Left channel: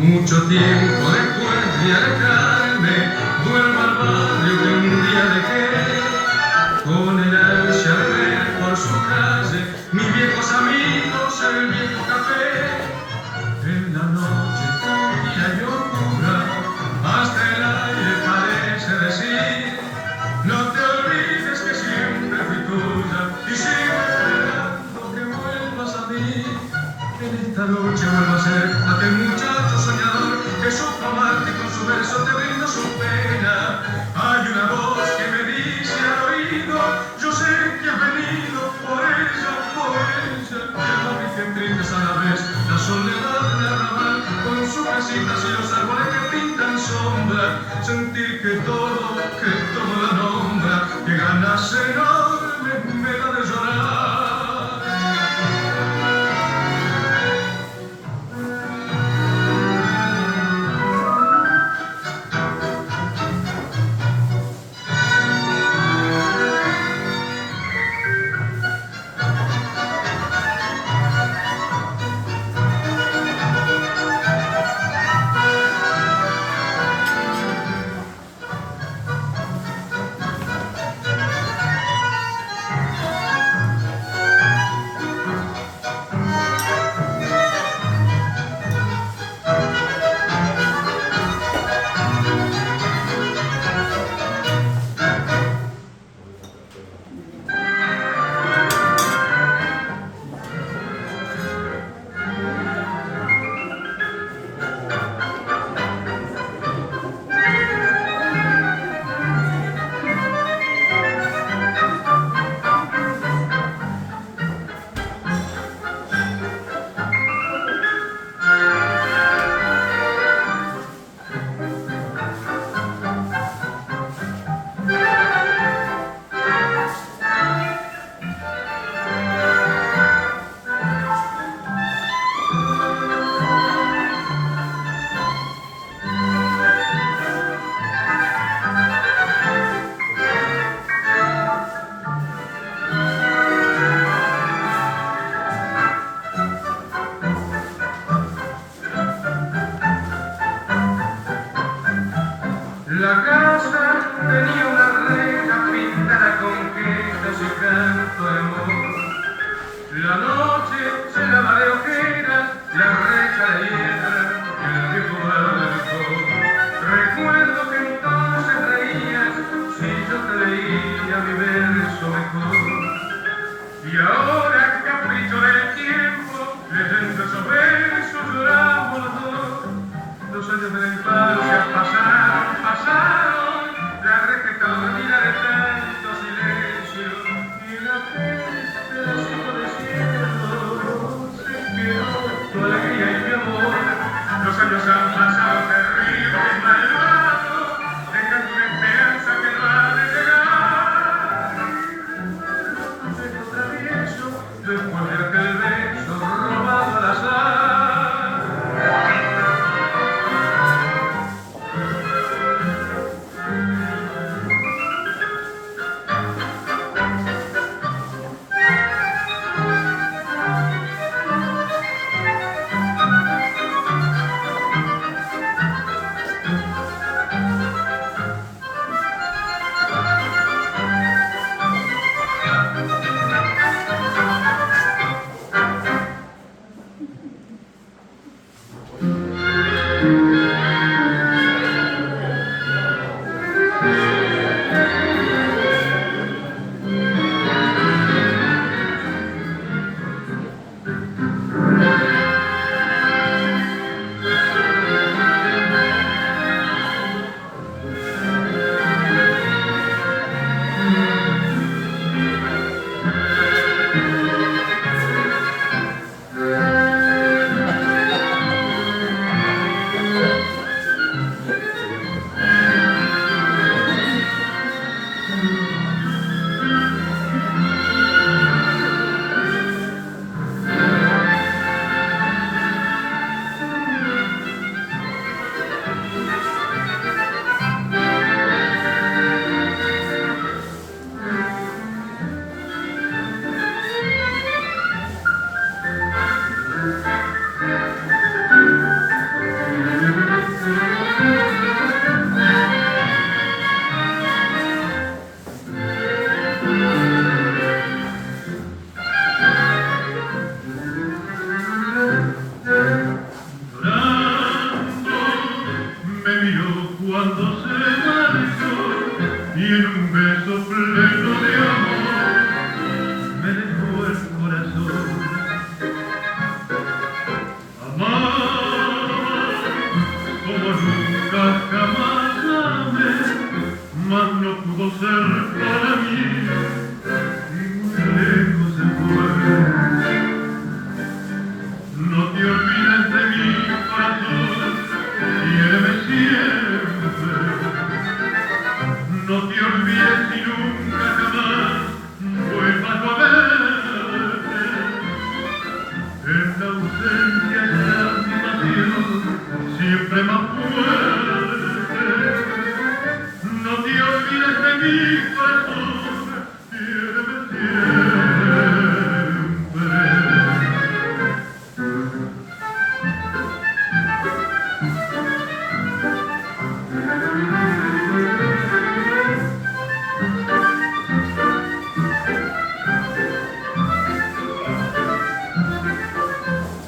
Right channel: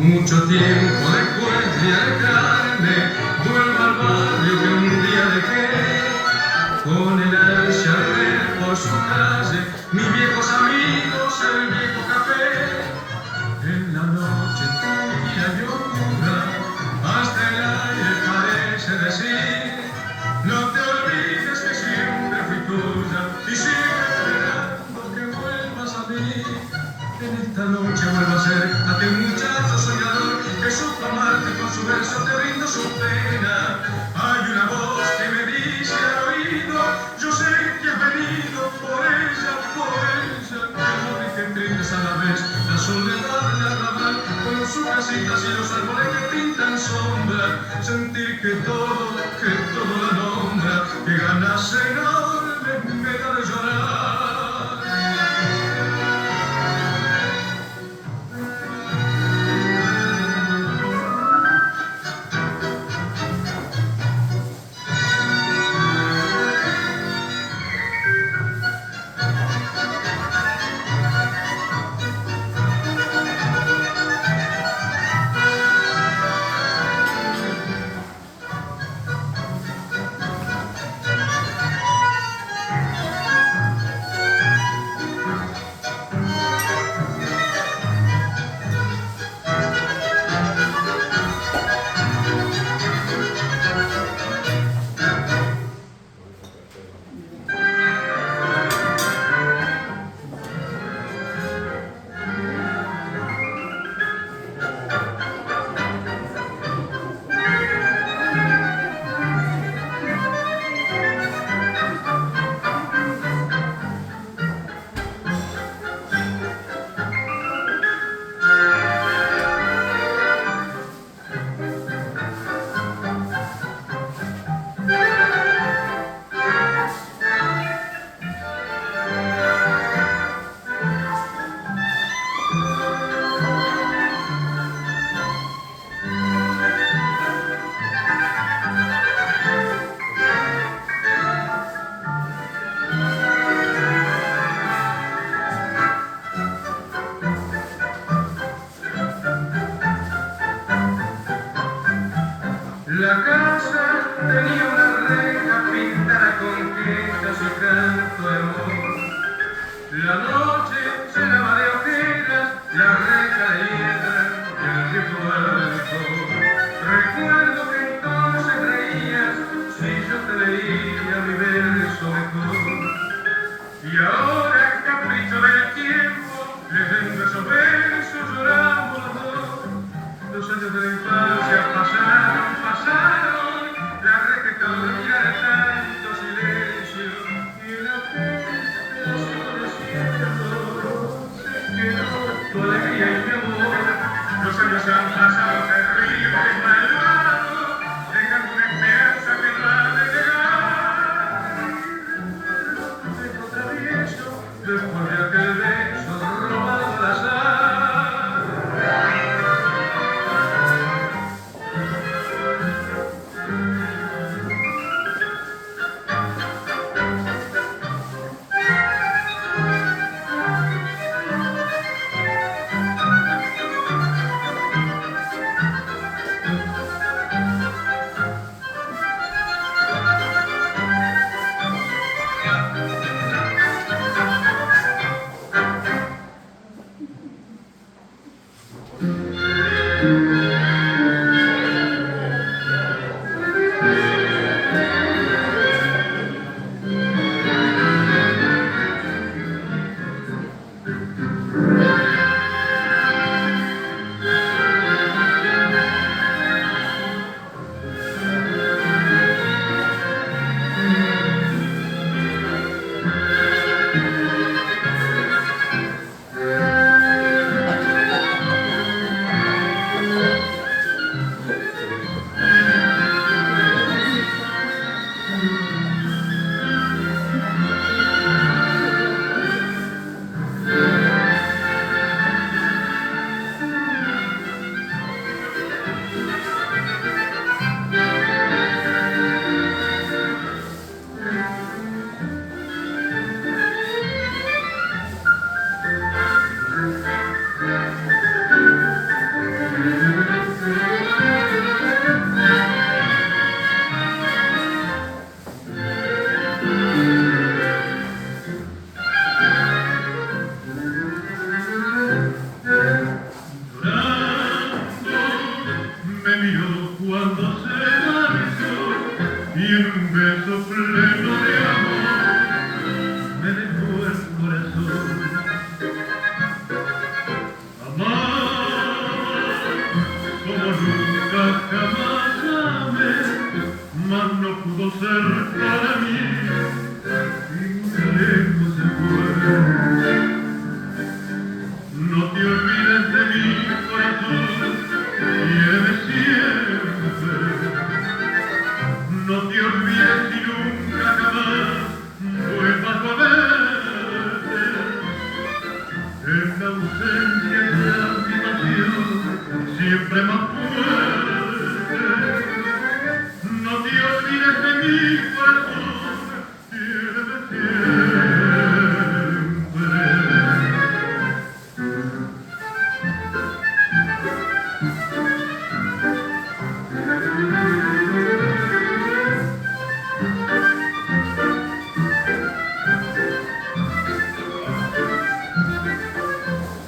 Mucho tiempo después de alejarme, vuelvo al barrio que un día dejé. Con el ansia de ver por su calle mis viejos amigos, el viejo café. En la noche tranquila y oscura, hasta el aire parece decir: no te olvides que siempre fui tuya y sigo esperando que vuelvas a mí. En esta noche vuelvo a ser aquel muchacho soñador que supo amarte y con su verso te brindo su pena. Hay una voz que me dice al oído: yo sé que has venido por ella, que no te entiendes a la vez la soledad del arrabal con sus casitas y los árboles que pintan sombra. Sentir que todo la nombra, que ganas enormes me da de llorar. La casa tenía una reja pintada con quejas y canto de amor. La noche se lava de ojeras, la reja de hiedra, el viejo balcón. Recuerdo que entonces reías si yo te leía mi verso mejor. Y ahora, capricho del tiempo, leyendo esos versos lloramos los dos. Los años de la infancia pasaron, la reja dormida de tanto silencio, y en la frente del cielo desierto se quedó tu alegría y mi amor. Los años han pasado terribles y malvados, dejando una esperanza que no ha de llegar. Dejo travieso después de aquel beso robado al azar. ser para mí y muy lejos se fue. No te olvides de mi corazón, quiéreme siempre. No te olvides y nunca jamás vuelvas a verte. En la ausencia será mi pasión siempre más fuerte. No te olvides de mi corazón, quiéreme siempre.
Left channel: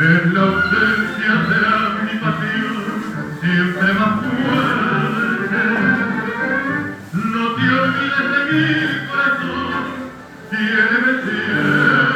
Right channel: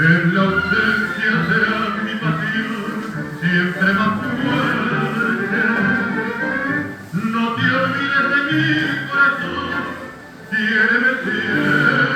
En la ausencia será mi pasión siempre más fuerte. No te olvides de mi corazón, quiéreme siempre.